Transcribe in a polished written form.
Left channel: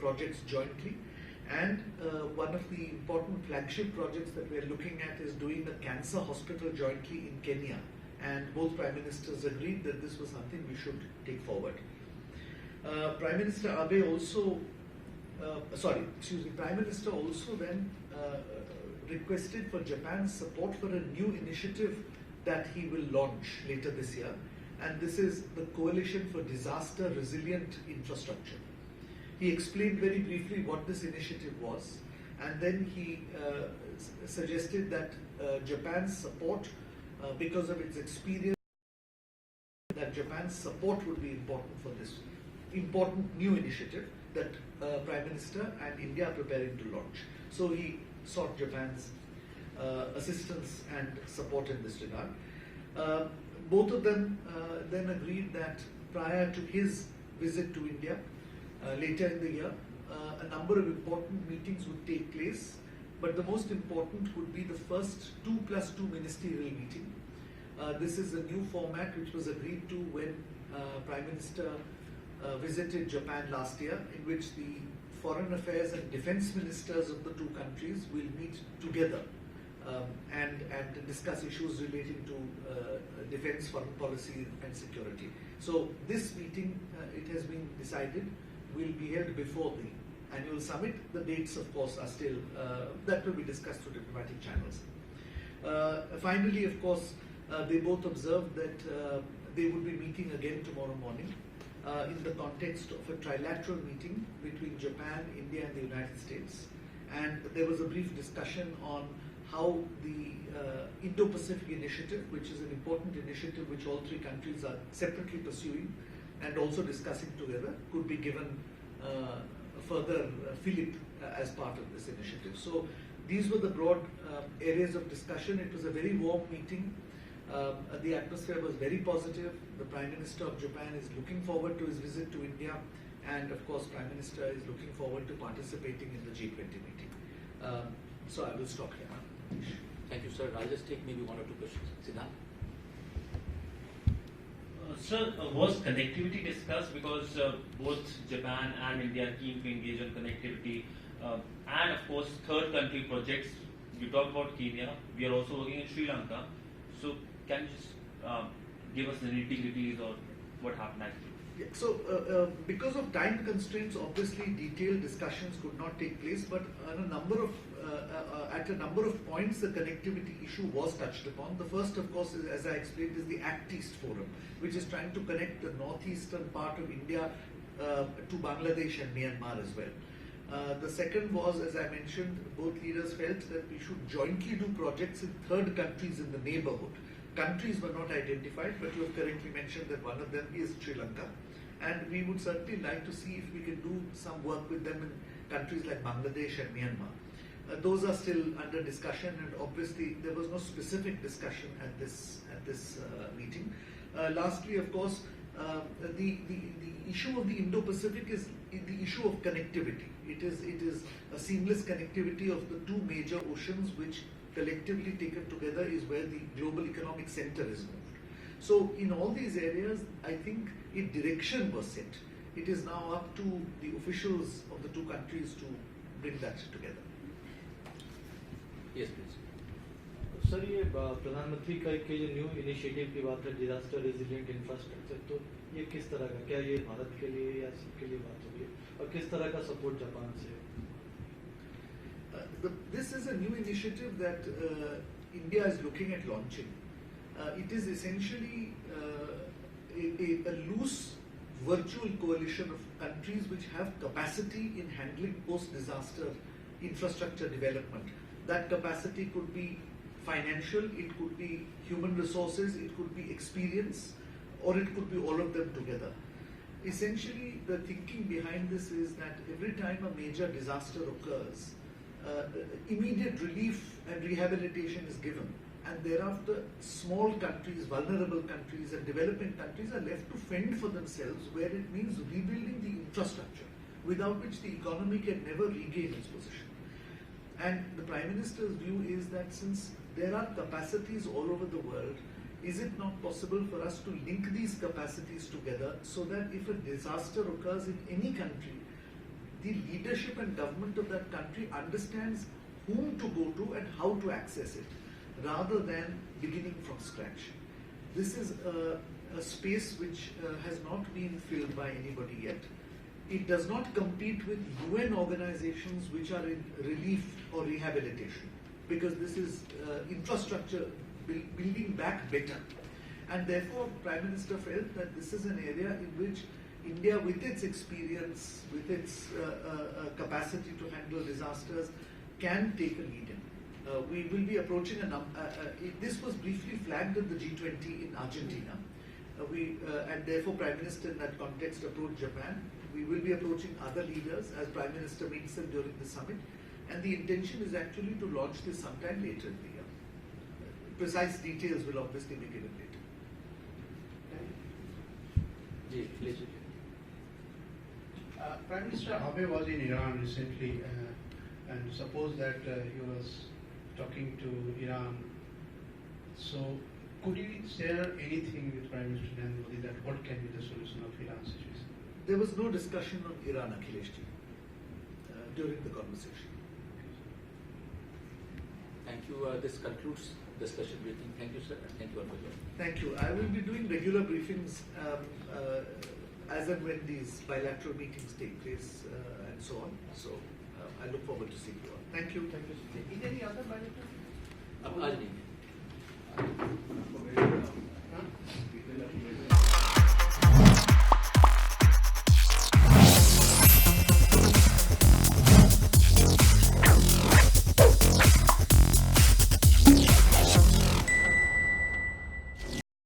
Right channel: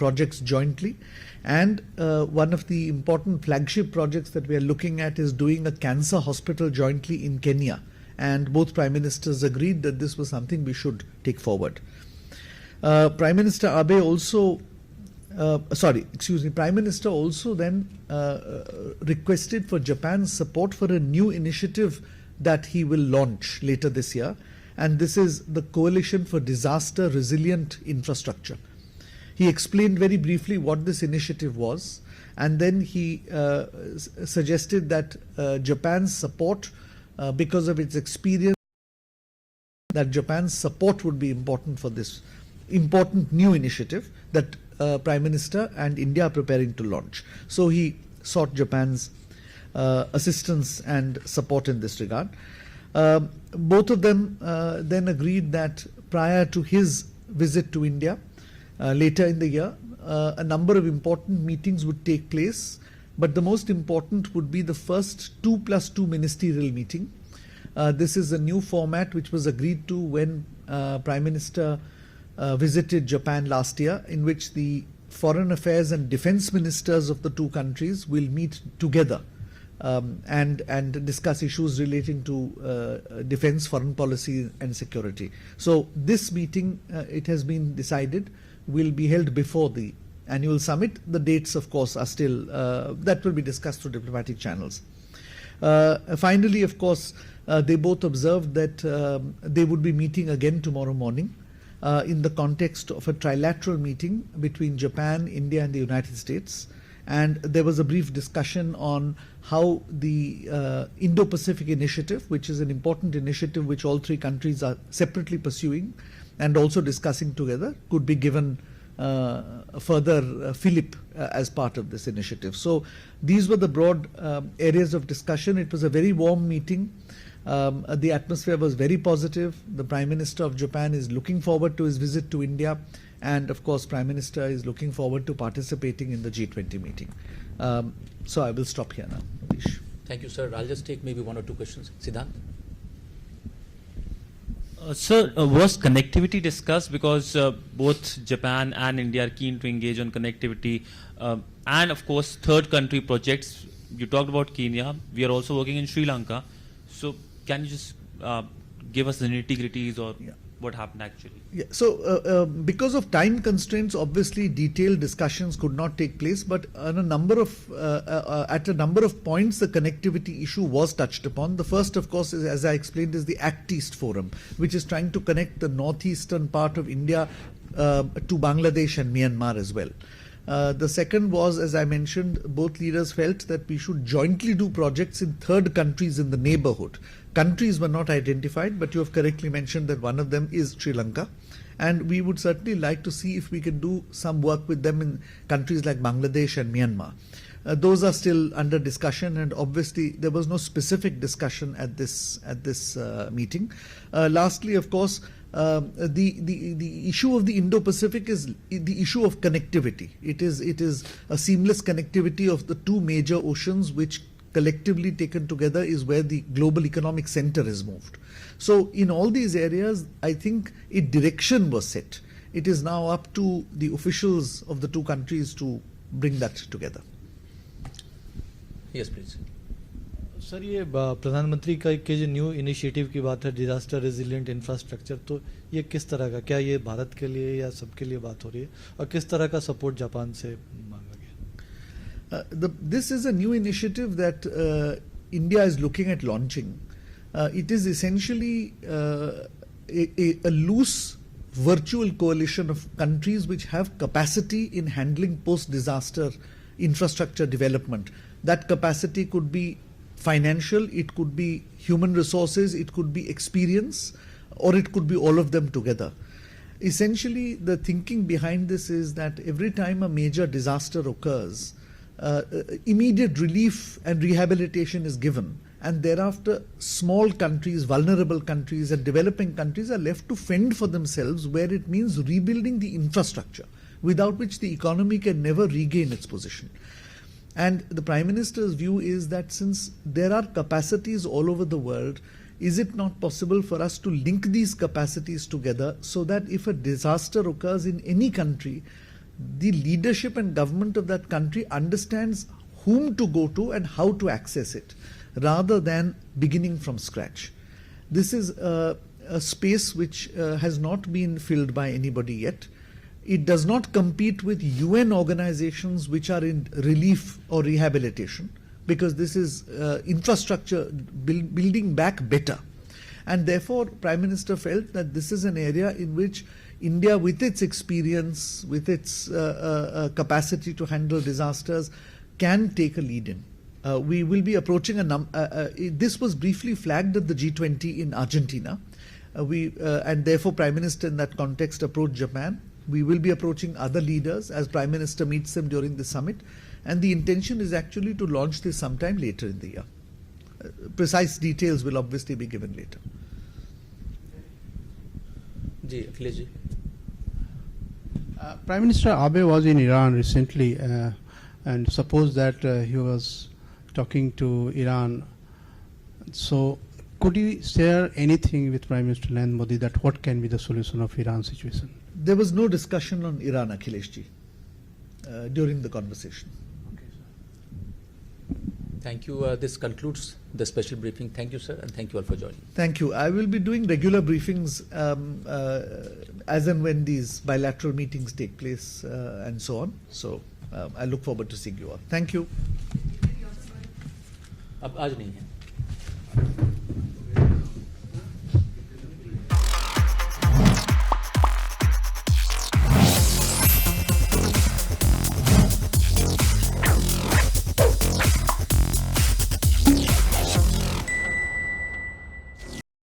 projects jointly. And one of the important flagship projects that we are looking at is doing a cancer hospital jointly in Kenya. And both Prime Ministers agreed that this was something we should take forward. Prime Minister Abe also, Prime Minister also then requested for Japan's support for a new initiative that he will launch later this year. And this is the Coalition for Disaster Resilient Infrastructure. He explained very briefly what this initiative was, and then he suggested that Japan's support, because of its experience, that Japan's support would be important for this important new initiative that Prime Minister and India are preparing to launch. So he sought Japan's assistance and support in this regard. Both of them then agreed that prior to his visit to India later in the year, a number of important meetings would take place, but the most important would be the first 2+2 ministerial meeting. This is a new format which was agreed to when Prime Minister visited Japan last year, in which the foreign affairs and defense ministers of the two countries will meet together and discuss issues relating to defense, foreign policy and security. So this meeting, it has been decided, will be held before the annual summit. The dates, of course, are still, that will be discussed through diplomatic channels. Finally, of course, they both observed that they would be meeting again tomorrow morning in the context of a trilateral meeting between Japan, India and the United States. And there was a brief discussion on how the Indo-Pacific initiative, which is an important initiative which all three countries are separately pursuing and also discussing together, could be given further fillip as part of this initiative. So these were the broad areas of discussion. It was a very warm meeting. The atmosphere was very positive. The Prime Minister of Japan is looking forward to his visit to India, and of course Prime Minister is looking forward to participating in the G20 meeting. So I will stop here now. Manish. Thank you, sir. I'll just take maybe one or two questions. Siddhant? Sir, was connectivity discussed? Because both Japan and India are keen to engage on connectivity, and of course third country projects. You talked about Kenya. We are also working in Sri Lanka. So can you just give us the nitty-gritties or what happened actually? Yeah. So because of time constraints, obviously detailed discussions could not take place, but on a number of at a number of points the connectivity issue was touched upon. The first, of course, is, as I explained, is the Act East Forum, which is trying to connect the northeastern part of India to Bangladesh and Myanmar as well. The second was, as I mentioned, both leaders felt that we should jointly do projects in third countries in the neighborhood. Countries were not identified, but you have correctly mentioned that one of them is Sri Lanka. And we would certainly like to see if we can do some work with them in countries like Bangladesh and Myanmar. Those are still under discussion, and obviously there was no specific discussion at this meeting. Lastly, of course, the issue of the Indo-Pacific is the issue of connectivity. It is a seamless connectivity of the two major oceans, which collectively taken together is where the global economic center is moved. So in all these areas, I think a direction was set. It is now up to the officials of the two countries to bring that together. Yes, please. Sir, ये प्रधानमंत्री का जो new initiative की बात है, disaster resilient infrastructure, तो ये किस तरह का, क्या ये भारत के लिए या सबके लिए बात हो रही है, और किस तरह का सपोर्ट जापान से मांगा गया? This is a new initiative that India is looking at launching. It is essentially a loose virtual coalition of countries which have capacity in handling post-disaster infrastructure development. That capacity could be financial, it could be human resources, it could be experience, or it could be all of them together. Essentially, the thinking behind this is that every time a major disaster occurs, immediate relief and rehabilitation is given, and thereafter small countries, vulnerable countries and developing countries are left to fend for themselves, where it means rebuilding the infrastructure, without which the economy can never regain its position. And the Prime Minister's view is that since there are capacities all over the world, is it not possible for us to link these capacities together so that if a disaster occurs in any country, the leadership and government of that country understands whom to go to and how to access it, rather than beginning from scratch. This is a space which has not been filled by anybody yet. It does not compete with UN organizations which are in relief or rehabilitation, because this is infrastructure building back better. And therefore, Prime Minister felt that this is an area in which India, with its experience, with its capacity to handle disasters, can take a lead in. We will be approaching this was briefly flagged at the G20 in Argentina. And therefore Prime Minister in that context approached Japan. We will be approaching other leaders as Prime Minister meets them during the summit. And the intention is actually to launch this sometime later in the year. Precise details will obviously be given later. Ji, Akhilesh ji. Prime Minister Abe was in Iran recently, and suppose that he was talking to Iran. So, could you share anything with Prime Minister Narendra Modi that what can be the solution of Iran situation? There was no discussion on Iran, Akhilesh ji, during the conversation. Thank you. This concludes the special briefing. Thank you, sir, and thank you all for joining. Thank you. I will be doing regular briefings as and when these bilateral meetings take place and so on. So I look forward to seeing you all. Thank you. अब आज नहीं है.